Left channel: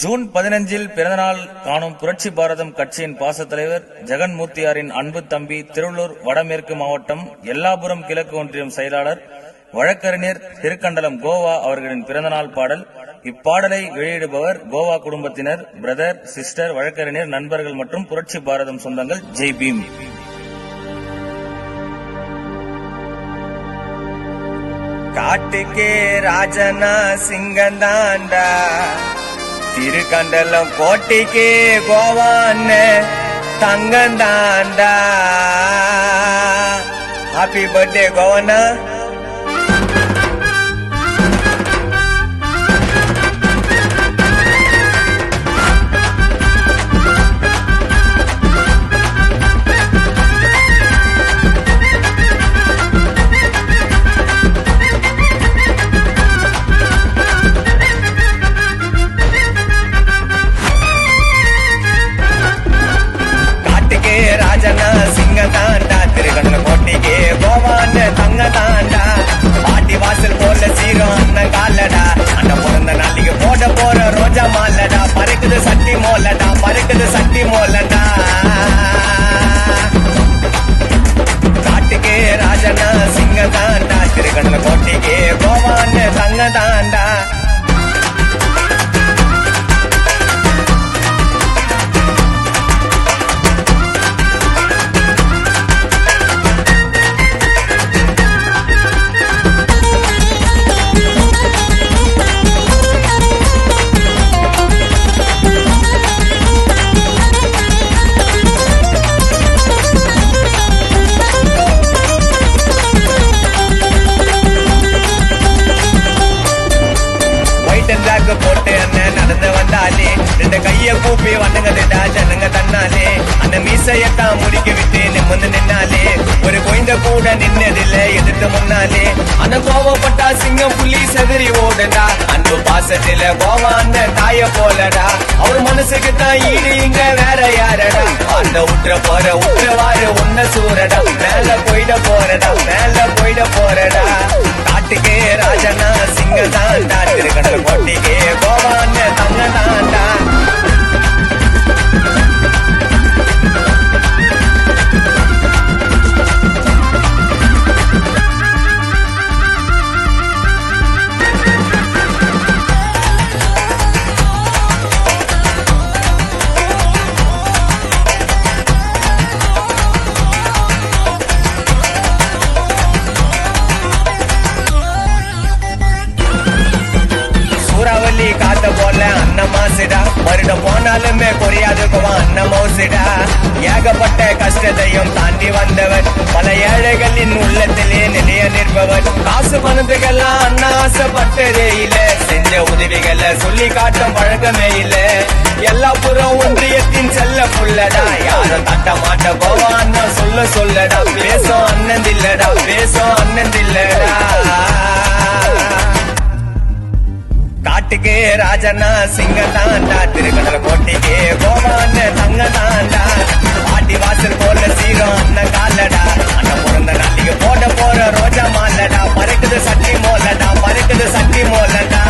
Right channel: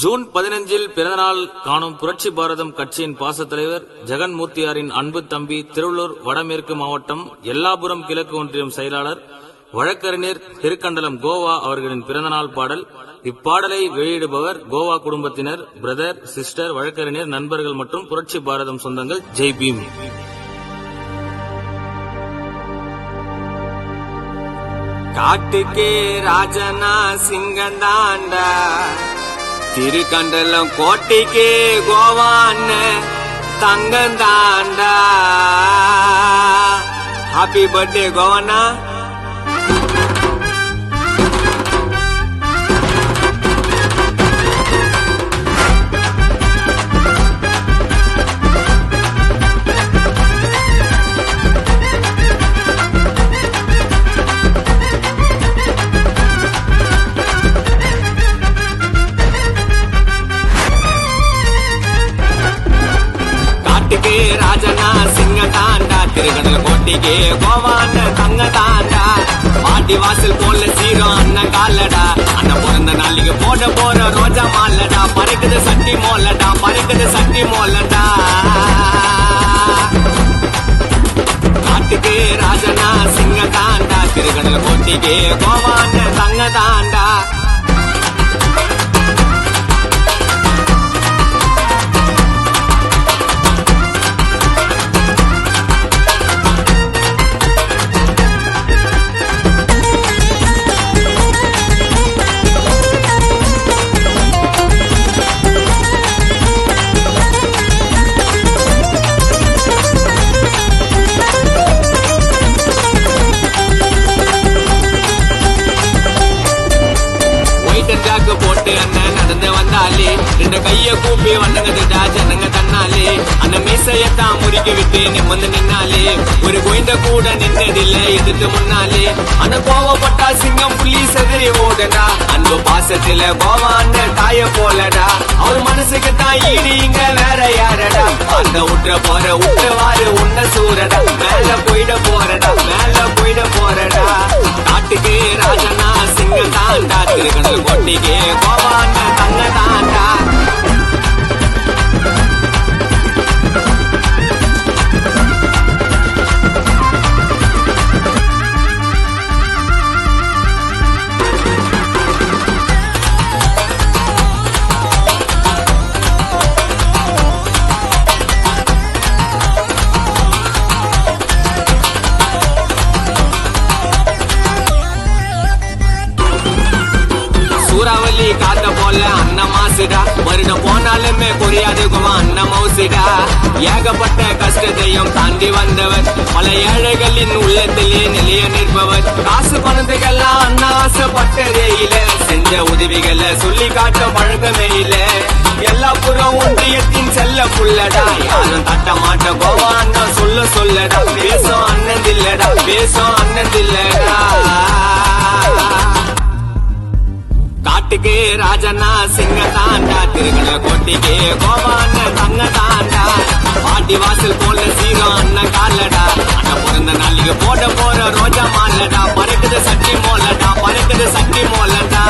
June 15 பிறந்தநாள் காணும் புரட்சி பாரதம் கட்சியின் பாச தலைவர் ஜெகன்மூர்த்தியாரின் அன்பு தம்பி திருவள்ளூர் வடமேற்கு மாவட்டம் எல்லாபுரம் கிழக்கு ஒன்றியம் செயலாளர் வழக்கறிஞர் திருக்கண்டலம் கோவா அவர்களின் பிறந்தநாள் பாடல். இப்பாடலை வெளியிடுபவர் கோவா குடும்பத்தினர், பிரதர், சிஸ்டர், வழக்கறிஞர், நண்பர்கள் மற்றும் புரட்சி பாரதம் சொந்தங்கள். ஜெய் பீம். காட்டுக்கே ராஜனா சிங்கந்தாண்டா, திருக்கண்டலம் கோட்டைக்கே கோவான தங்கந்தாண்டா. ஹாப்பி பர்த்டே கோவண்ணா. கோட்டிகே கோவான தங்கதாண்டா, பாட்டி வாசல் போல சீரம் அண்ணன் காலடா. அண்ணன் பிறந்த நாளைக்கு போட போற ரோஜா மாலடா, பறக்குது சட்டி மோலடா, பறக்குது சட்டி மோலடா. காட்டுக்கே ராஜனா சிங்கதாண்டா, திருகண்ல கோட்டிகே கோவான தங்கதாண்டா. போட்டு அண்ணன் நடந்து வந்தாலே, ரெண்டு கைய கூப்பி வணங்குதுடா ஜனங்க தன்னாலே. அண்ணன் மீசையத்தான் முறுக்கி விட்டு நிம்மந்து நின்னாலே, ஒரு கோயந்த கூட நின்னதில்ல எதிர்த்து முன்னாலே. அண்ணன் கோவப்பட்டா சிங்கம் புள்ளி செதறி ஓடடா, அன்பு பாசத்தில கோவா அண்ணன் தாய போலடா. அவர் மனசுக்கு தான் ஈடு இங்க வேற யாரடா, அந்த உற்ற போற உற்றவாறு உன்ன சூரடா. மேல போயிட போறடா, மேல போயிட போறடா. காட்டுக்கே ராஜனா சிங்க தாண்டா, திருக்கண்டல் கோட்டிக்கே கோவான தங்கதாண்டா. காத்த போல அண்ணன் மாசிடா, வருடம் போனாலுமே குறையாது கோவா அண்ணன் மௌசிடா. ஏகப்பட்ட கஷ்டத்தையும் தாண்டி வந்தவர், பல ஏழைகளின் உள்ளத்திலே நிலைய நிற்பவர். காசு பணத்துக்கெல்லாம் அண்ணன் ஆசைப்பட்டதே இல்ல, செஞ்ச உதவிகளை சொல்லி காட்ட பழக்கமே இல்ல. எல்லா புறம் ஒன்றியத்தின் செல்ல புள்ளடா, யாரும் தட்ட மாட்ட கோவா அண்ணன் சொல்ல சொல்லடா. பேசும் அண்ணன் இல்லடா, பேசும் அண்ணன் இல்லடா. காட்டுக்கே ராஜனா சிங்கதாண்டா, திருக்கண்டல் கோட்டிக்கே கோவான தங்கதாண்டா. பாட்டி வாசல் போல சீரம் அண்ணன் காலடா, அண்ணன் பிறந்த நாளைக்கு போட போற ரோஜா மாலடா, பறக்குது சட்டி மோலடா, பறக்குது சட்டி மோலடா.